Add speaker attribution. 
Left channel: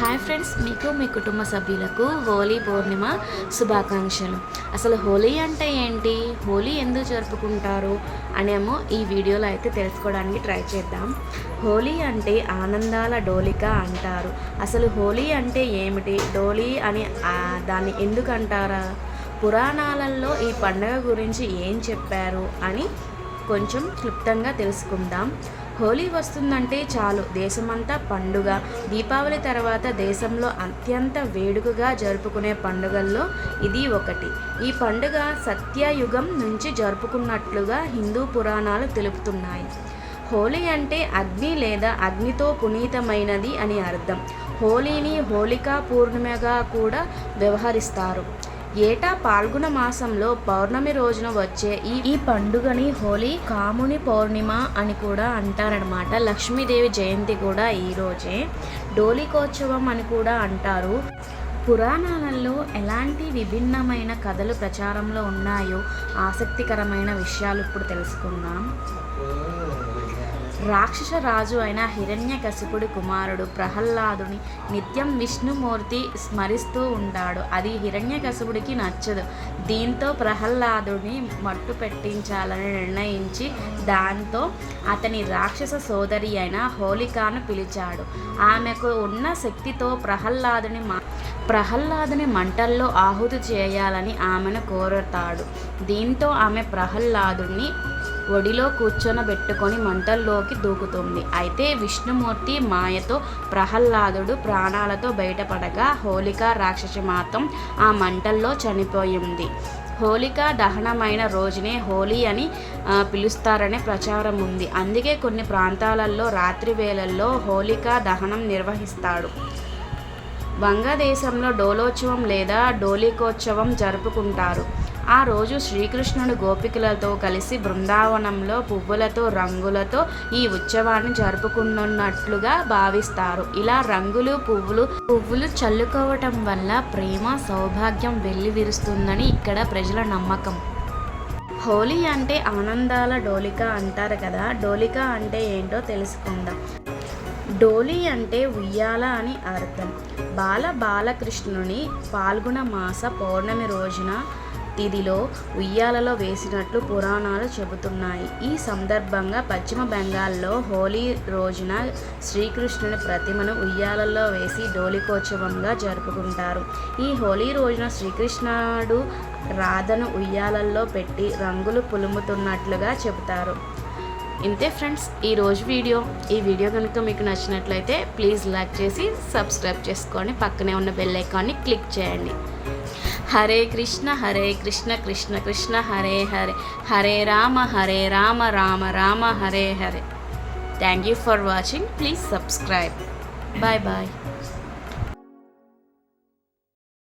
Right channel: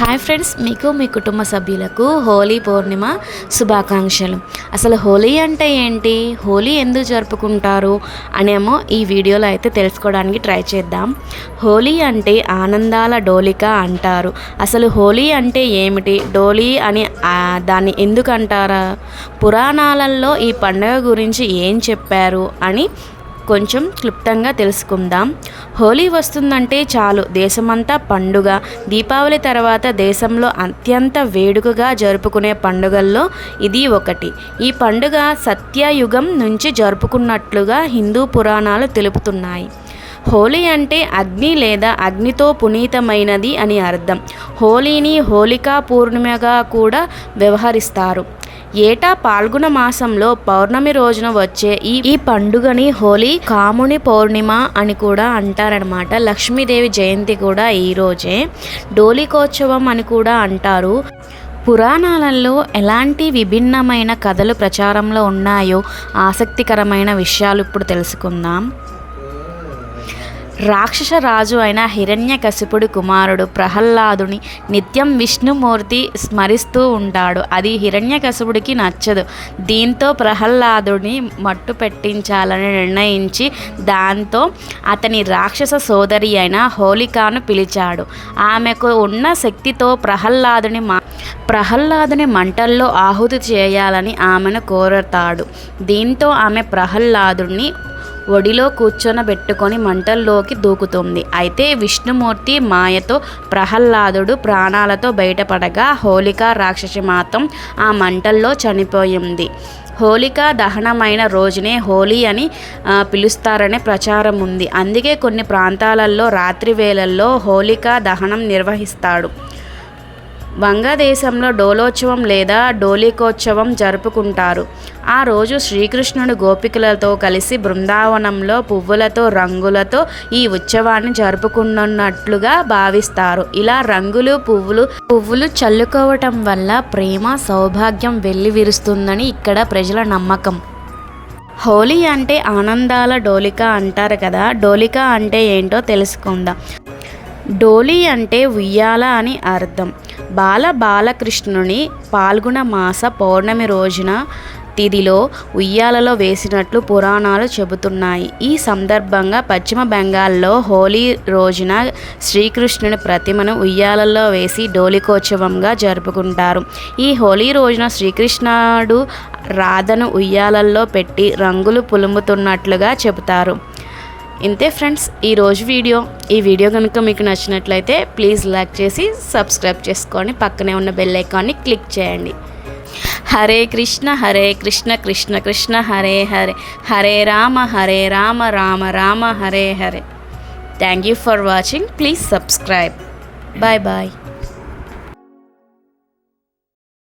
Speaker 1: Hi friends మీకు మీ కుటుంబ సభ్యులకు హోలీ పౌర్ణిమ శుభాకాంక్షలు. అసలు హోలీ అంటే ఏంటి? హోలీ ఎందుకు జరుపుకుంటారు? అనేమో ఈ వీడియోలో అయితే తెలుసుకోవడానికి ట్రై చేద్దాం. హోలీ అంటే ఆనందాల డోలిక అంటారు. అసలు హోలీ అంటే ఏమిటి? డోలీ అని దాన్ని ఎందుకు అంటారా? పురాణాలలో ఈ పండుగ గురించి ఏం చెప్పారు? అని కొంచెం క్లుప్తంగా తెలుసుకుందాం. హోలీ వస్తుందంటే చాలు. దేశమంతా పండుగ. దీపావళి తర్వాత దేశంలో అత్యంత వేడుకగా జరుపుకునే పండుగల్లో ఇది ఒకటి. ఈ పండుగ సత్యయుగం నుంచి జరుపుకున్నట్లుగా హిందూ పురాణాలు తెలుపుతున్నాయి. హోలీ అంటే అగ్ని లేదా అగ్నితో పునీతమైనది అని అర్థం. హోలీని హోలికా పూర్ణిమగా కూడా వ్యవహరిస్తారు. ఏటా పాల్గొన మాసంలో పౌర్ణమి రోజున వచ్చే ఈ ఈ పండుగని హోలీ కాముని పౌర్ణిమ అని కూడా అంటారనమాట లక్ష్మీదేవి జయంతి కూడా ఈ రోజే. డోలికోత్సవం అని కూడా అంటారు. పురాణాలలో ఎలాంటి విభిన్నమైన కథలు ప్రచారంలో ఉన్నాయో ఆసక్తికరమైన విషయాలు ఇప్పుడు తెలుసుకుందాం. రాక్షస రాజు అయిన హిరణ్యకశిపుడు కుమారుడు ప్రహ్లాదుని నిత్యం విష్ణుమూర్తి స్మరిస్తూ ఉంటాడు. అది హిరణ్యకశిపుడికి నచ్చదు. దీంతో ప్రహ్లాదుని మట్టు పెట్టించాలని నిర్ణయించి దాంతో అతని రాక్షస సోదరి అయిన హోలికాను పిలిచాడు. ఆమెకు ఉన్న శక్తితో ప్రహ్లాదుని మా ప్రహ్లాదుని మంటల్లో ఆహుతి చేయాలని ఆమెను కోరతాడు. దీంతో ఆమె ప్రహ్లాదుని ఒడిలో కూర్చొనబెట్టుకొని మంటల్లోకి దూకుతుంది. అయితే విష్ణుమూర్తి మాయతో ప్రహ్లాదుడు ప్రాణాలతో బయటపడగా హోలిక రాక్షసి మాత్రం ఆ మంటల్లో చనిపోయింది. హోలిక దహనమైన రోజునే హోలీ అని పిలుస్తారనే ప్రచారం ఉంది. అందుకే కొన్ని ప్రాంతాలలో రాత్రి వేళల్లో హోలికా దహనం నిర్వహిస్తాడు. వంగదేశంలో డోలోత్సవం లేదా డోలికోత్సవం జరుపుకుంటారు. ఆ రోజు శ్రీకృష్ణుడు గోపికలతో కలిసి బృందావనంలో పువ్వులతో రంగులతో ఈ ఉత్సవాన్ని జరుపుకున్నట్లుగా భావిస్తారు. ఇలా రంగులు పువ్వులు పువ్వులు చల్లుకోవటం వల్ల ప్రేమ సౌభాగ్యం వెల్లివిరుస్తుందని ఇక్కడ ప్రజల నమ్మకం. హోలీ అంటే ఆనందాల డోలిక అంటారు కదా డోలిక అంటే ఏంటో తెలుసుకుందాం. డోలి అంటే ఉయ్యాల అని అర్థం. బాల బాలకృష్ణుని పాల్గొన మాస పౌర్ణమి రోజున తిథిలో ఉయ్యాలలో వేసినట్లు పురాణాలు చెబుతున్నాయి. ఈ సందర్భంగా పశ్చిమ బెంగాల్లో హోలీ రోజున శ్రీకృష్ణుని ప్రతిమను ఉయ్యాలలో వేసి డోలికోత్సవంగా జరుపుకుంటారు. ఈ హోలీ రోజున శ్రీకృష్ణుడు రాధను ఉయ్యాలల్లో పెట్టి రంగులు పులుముతున్నట్లుగా చెబుతారు. ఇంతే ఫ్రెండ్స్ ఈరోజు వీడియో. ఈ వీడియో కనుక మీకు నచ్చినట్లయితే ప్లీజ్ లైక్ చేసి సబ్స్క్రైబ్ చేసుకొని పక్కనే ఉన్న బెల్ ఐకాన్ని క్లిక్ చేయండి. Hare Krishna Hare Krishna Krishna Krishna Hare Hare. Hare Rama Hare Rama Rama Rama Hare Hare. Thank you for watching please subscribe bye bye